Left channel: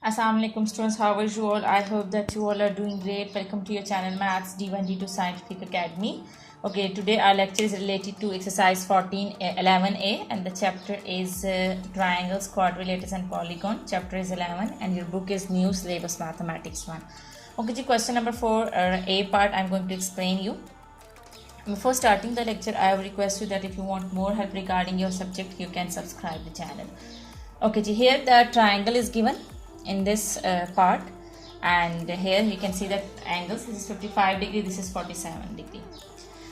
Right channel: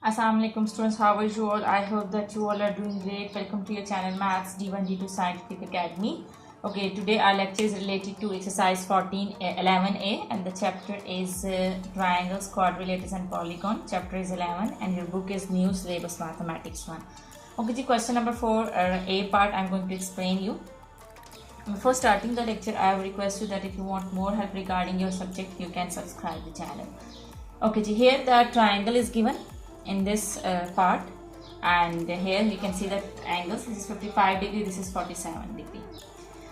Assalamualaikum students, how are you all? I hope that you all are doing great. Welcome to your channel Maths D1 D2 Scientific Academy. Okay, today our lecture is related to exercise 11A and the chapter is triangles, quadrilaterals and polygon. Chapter is 11 and your book is New Syllabus Mathematics 1. Okay, question number 4 A part I am going to explain you. Before starting the lecture, I have requested that if you want more help regarding your subject, you can subscribe the channel. Okay, here the triangle is given in this part, and here you can see that angles. This is 55 degree, this is 47 degree.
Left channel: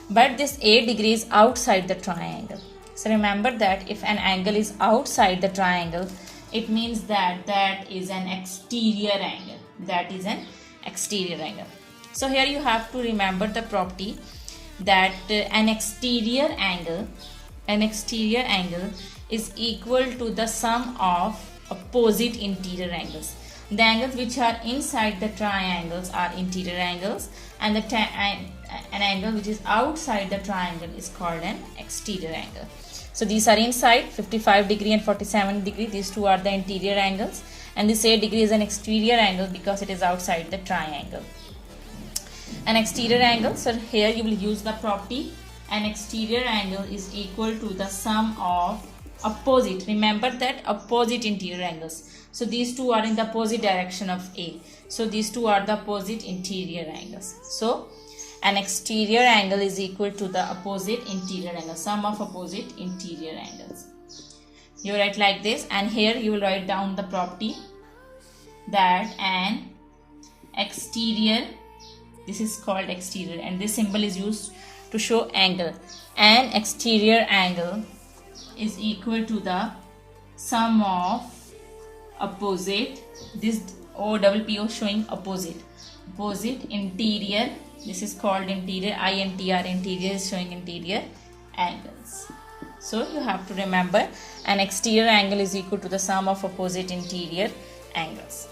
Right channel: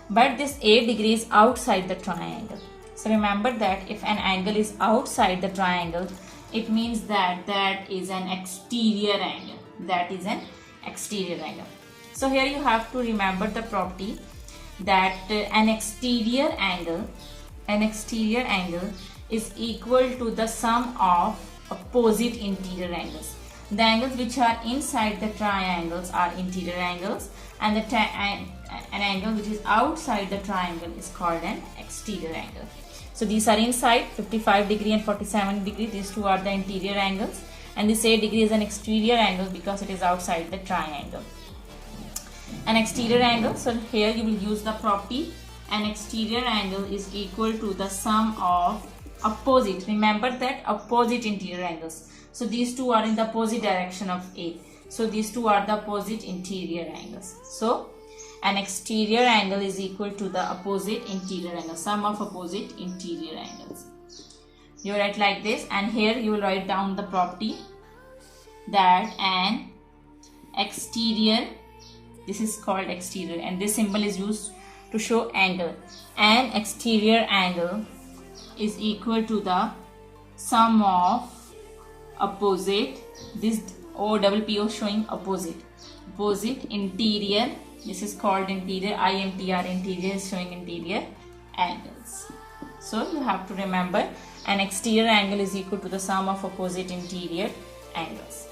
But this 8 degree is outside the triangle. So remember that if an angle is outside the triangle, it means that that is an exterior angle. That is an exterior angle. So here you have to remember the property that an exterior angle is equal to the sum of opposite interior angles. The angles which are inside the triangles are interior angles, and an angle which is outside the triangle is called an exterior angle. So these are inside, 55 degree and 47 degree. These two are the interior angles, and this 8 degree is an exterior angle because it is outside the triangle. An exterior angle, so here you will use the property an exterior angle is equal to the sum of opposite. Remember that opposite interior angles. So these two are in the opposite direction of A. So these two are the opposite interior angles. So an exterior angle is equal to the opposite interior angle, sum of opposite interior angles. You write like this, and here you will write down the property that an exterior, this is called exterior, and this symbol is used to show angle. An exterior angle is equal to the sum of opposite, this OPPO showing opposite interior, this is called interior, INTR, interior is showing interior angles. So you have to remember an exterior angle is equal to the sum of opposite interior angles.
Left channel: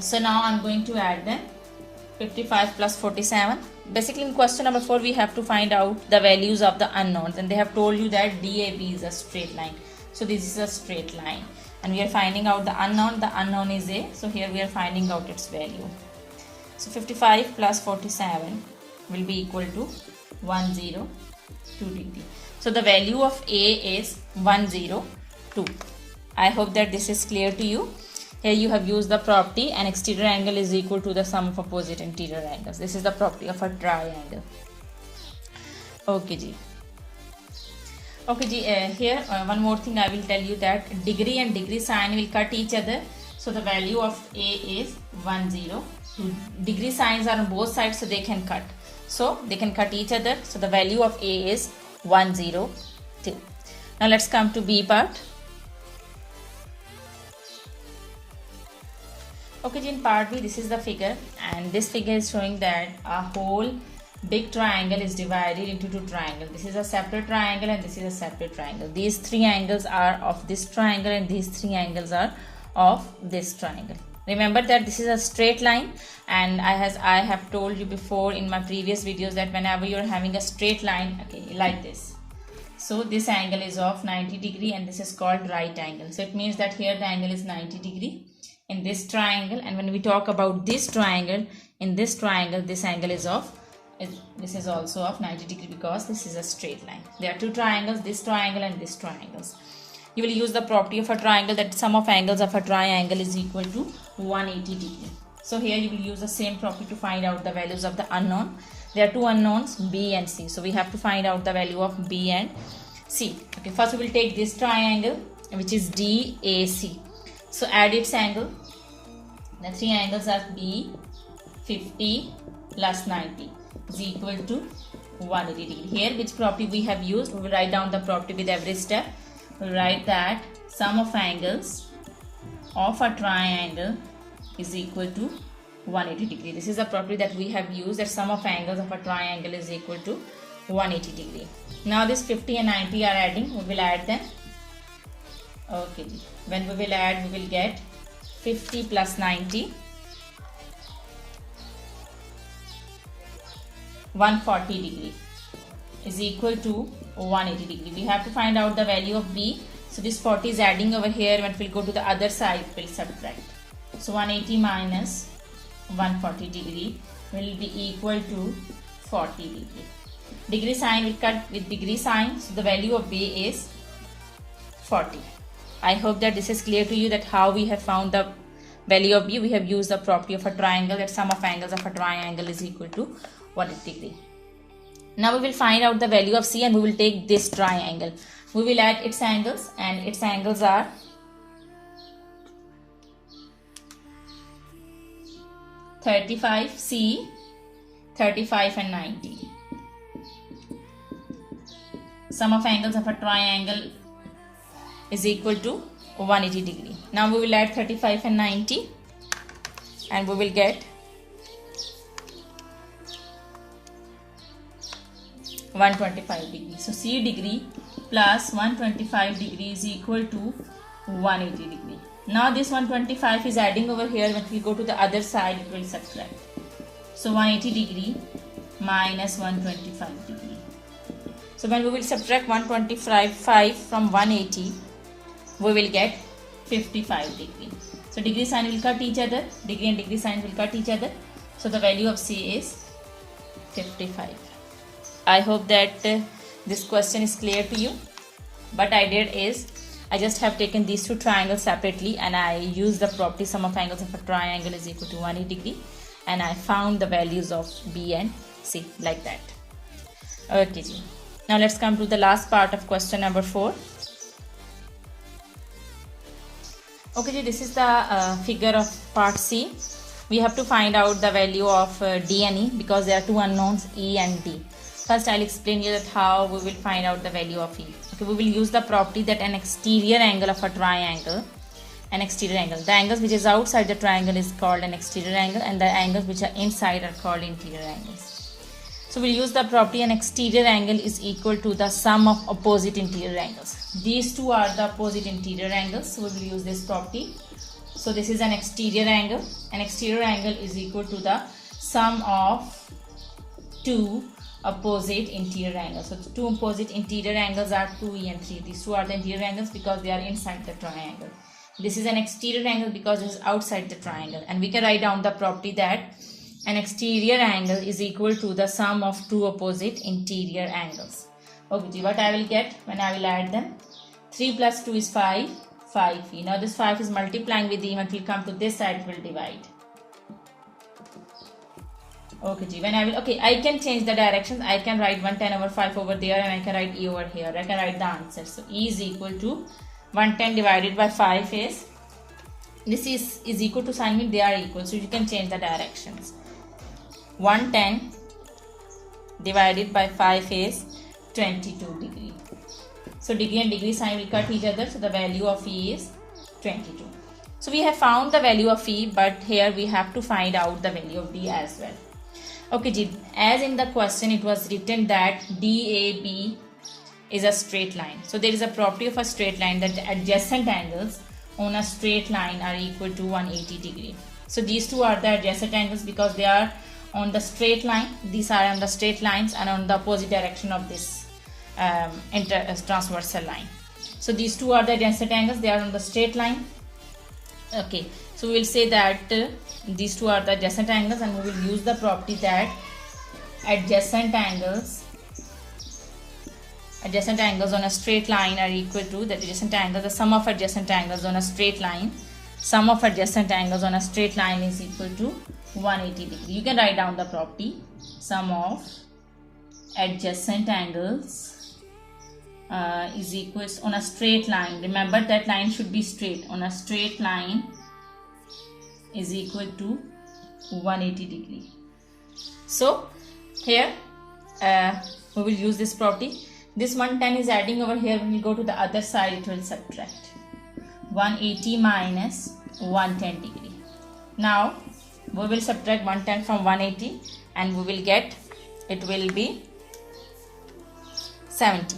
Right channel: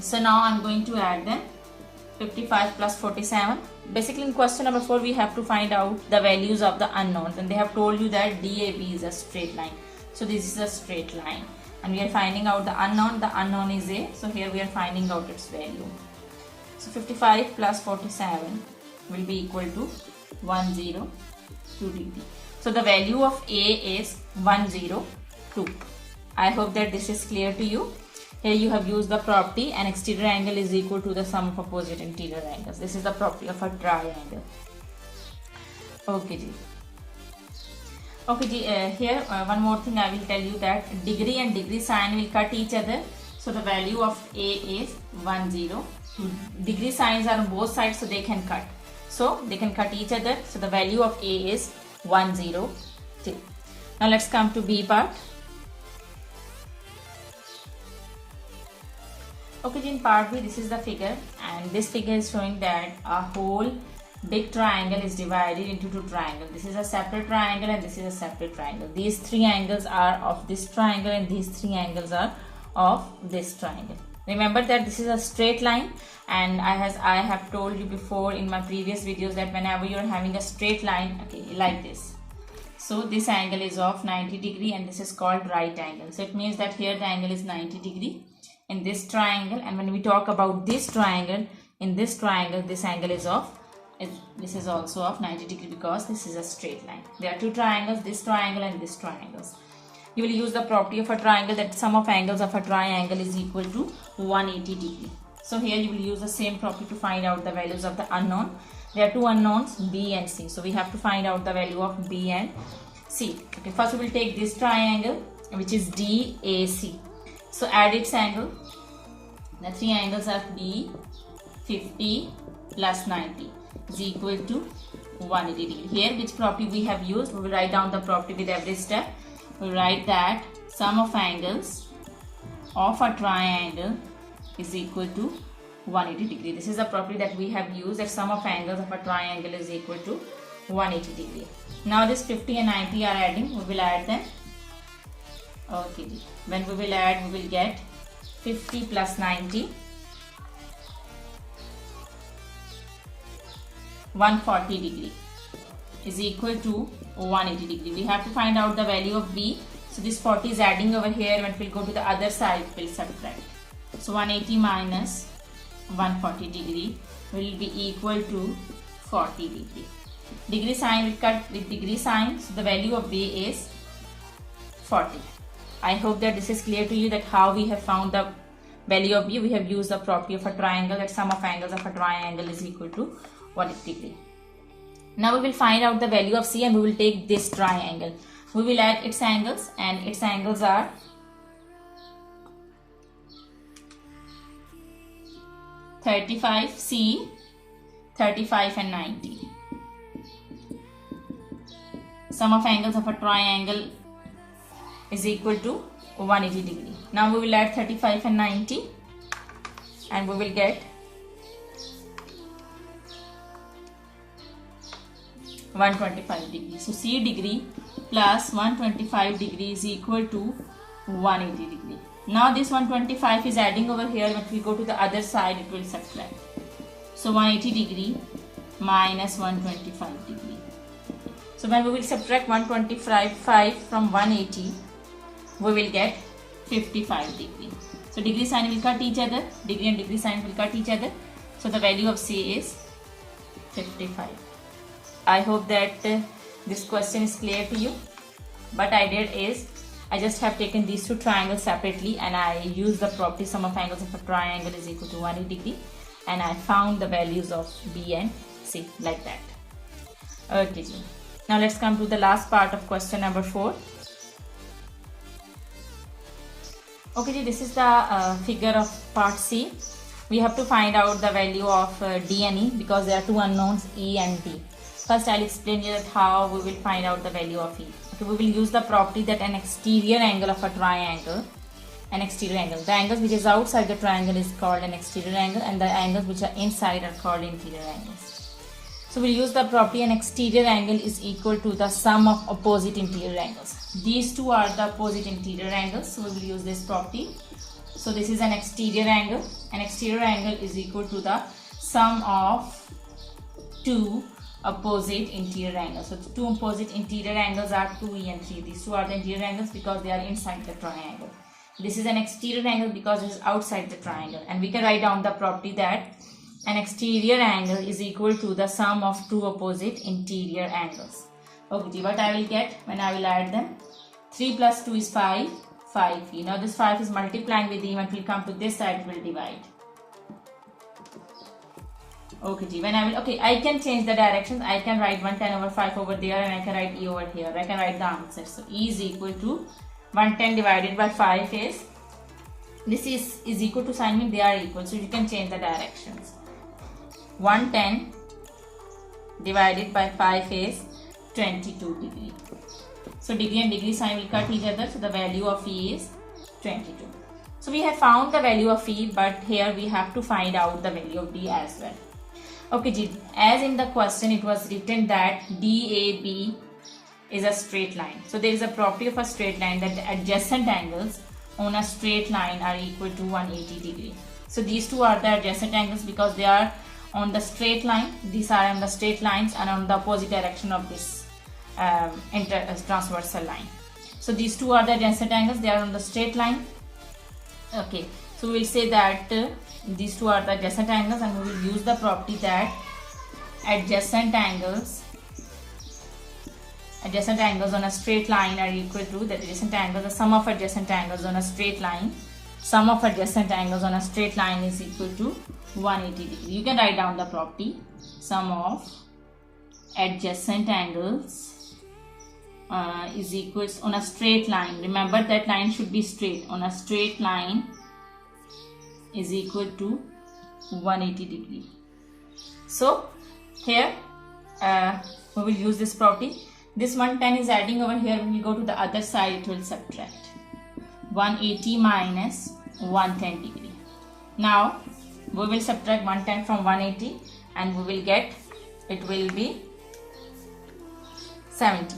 So now I am going to add them. 55 plus 47. Basically in question number 4 we have to find out the values of the unknowns, and they have told you that DAB is a straight line. So this is a straight line and we are finding out the unknown. The unknown is A. So here we are finding out its value. So 55 plus 47 will be equal to 102 degree. So the value of A is 102. I hope that this is clear to you. Here you have used the property an exterior angle is equal to the sum of opposite interior angles. This is the property of a triangle. Okay ji. Okay ji, here one more thing I will tell you, that degree and degree sign will cut each other. So the value of A is 102. Degree signs are on both sides, so they can cut. So they can cut each other. So the value of A is 102. Now let's come to B part. Okay, in part B, this is the figure, and this figure is showing that a whole big triangle is divided into two triangles. This is a separate triangle and this is a separate triangle. These three angles are of this triangle and these three angles are of this triangle. Remember that this is a straight line, and I have told you before in my previous videos that whenever you are having a straight line, okay, like this. So this angle is of 90 degree and this is called right angle. So it means that here the angle is 90 degree in this triangle, and when we talk about this triangle, in this triangle this angle is this is also of 90 degree because this is a straight line. There are two triangles, this triangle and this triangles. You will use the property of a triangle that sum of angles of a triangle is equal to 180 degree. So here you will use the same property to find out the values of the unknown. There are two unknowns, B and C. So we have to find out the value of B and C. Okay, first we will take this triangle which is DAC. So add its angle. The three angles are B, 50 plus 90 is equal to 180 degree. Here which property we have used, we will write down the property with every step. We will write that sum of angles of a triangle is equal to 180 degree. This is the property that we have used, that sum of angles of a triangle is equal to 180 degree. Now this 50 and 90 are adding, we will add them. Okay, when we will add, we will get 50 plus 90, 140 degree is equal to 180 degree. We have to find out the value of B. So this 40 is adding over here. When it will go to the other side, it will subtract. So 180 minus 140 degree will be equal to 40 degree. Degree sign will cut with degree sign, so the value of B is 40. I hope that this is clear to you, that how we have found the value of B. We have used the property of a triangle, that sum of angles of a triangle is equal to 180 degree. Now we will find out the value of C, and we will take this triangle. We will add its angles, and its angles are 35, C, 35 and 90. Sum of angles of a triangle is equal to 180 degree. Now we will add 35 and 90, and we will get 125 degree. So C degree plus 125 degree is equal to 180 degree. Now this 125 is adding over here. When we go to the other side, it will subtract. So 180 degree minus 125 degree. So when we will subtract 125 from 180, we will get 55 degree. So degree sign will cut each other. Degree and degree sign will cut each other. So the value of C is 55. I hope that this question is clear to you. What I did is, I just have taken these two triangles separately, and I used the property sum of angles of a triangle is equal to 180 degree, and I found the values of B and C like that. Okay, now let's come to the last part of question number 4. Okay, this is the figure of part C. We have to find out the value of D and E, because there are two unknowns, E and D. First, I'll explain you that how we will find out the value of E. Okay, we will use the property that an exterior angle of a triangle, the angles which is outside the triangle is called an exterior angle, and the angles which are inside are called interior angles. So we'll use the property an exterior angle is equal to the sum of opposite interior angles. These two are the opposite interior angles, so we will use this property. So this is an exterior angle. An exterior angle is equal to the sum of two opposite interior angles. So two opposite interior angles are 2E and 3. These two are the interior angles because they are inside the triangle. This is an exterior angle because it is outside the triangle. And we can write down the property that an exterior angle is equal to the sum of two opposite interior angles. Okay, what I will get when I will add them? 3 plus 2 is 5, 5E. Now this 5 is multiplying with E. When it will come to this side, it will divide. Okay, when I will, I can change the directions. I can write 110 over 5 over there, and I can write E over here. I can write the answer. So E is equal to 110 divided by 5 is, this is equal to sign mean they are equal. So you can change the directions. 110 divided by 5 is 22 degree. So degree and degree sign will cut each other. So the value of E is 22. So we have found the value of E, but here we have to find out the value of D as well. Okay, as in the question it was written that DAB is a straight line. So there is a property of a straight line that the adjacent angles on a straight line are equal to 180 degree. So these two are the adjacent angles because they are on the straight line. These are on the straight lines and on the opposite direction of this transversal line. So these two are the adjacent angles. They are on the straight line. Okay, so we will say that these two are the adjacent angles, and we will use the property that adjacent angles on a straight line are equal to the sum of adjacent angles on a straight line. Sum of adjacent angles on a straight line is equal to 180 degree. You can write down the property sum of adjacent angles is equal on a straight line. Remember that line should be straight. On a straight line is equal to 180 degree. So here we will use this property. This 110 is adding over here. When we go to the other side, it will subtract. 180 minus 110 degree. Now we will subtract 110 from 180, and we will get, it will be 70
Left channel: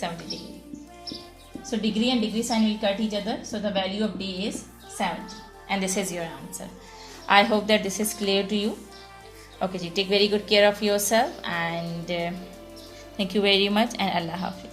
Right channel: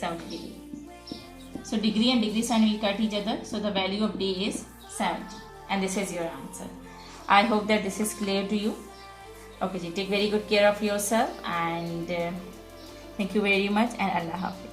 degree. So degree and degree sign will cut each other. So the value of D is 70, and this is your answer. I hope that this is clear to you. Okay, take very good care of yourself, and thank you very much, and Allah Hafiz.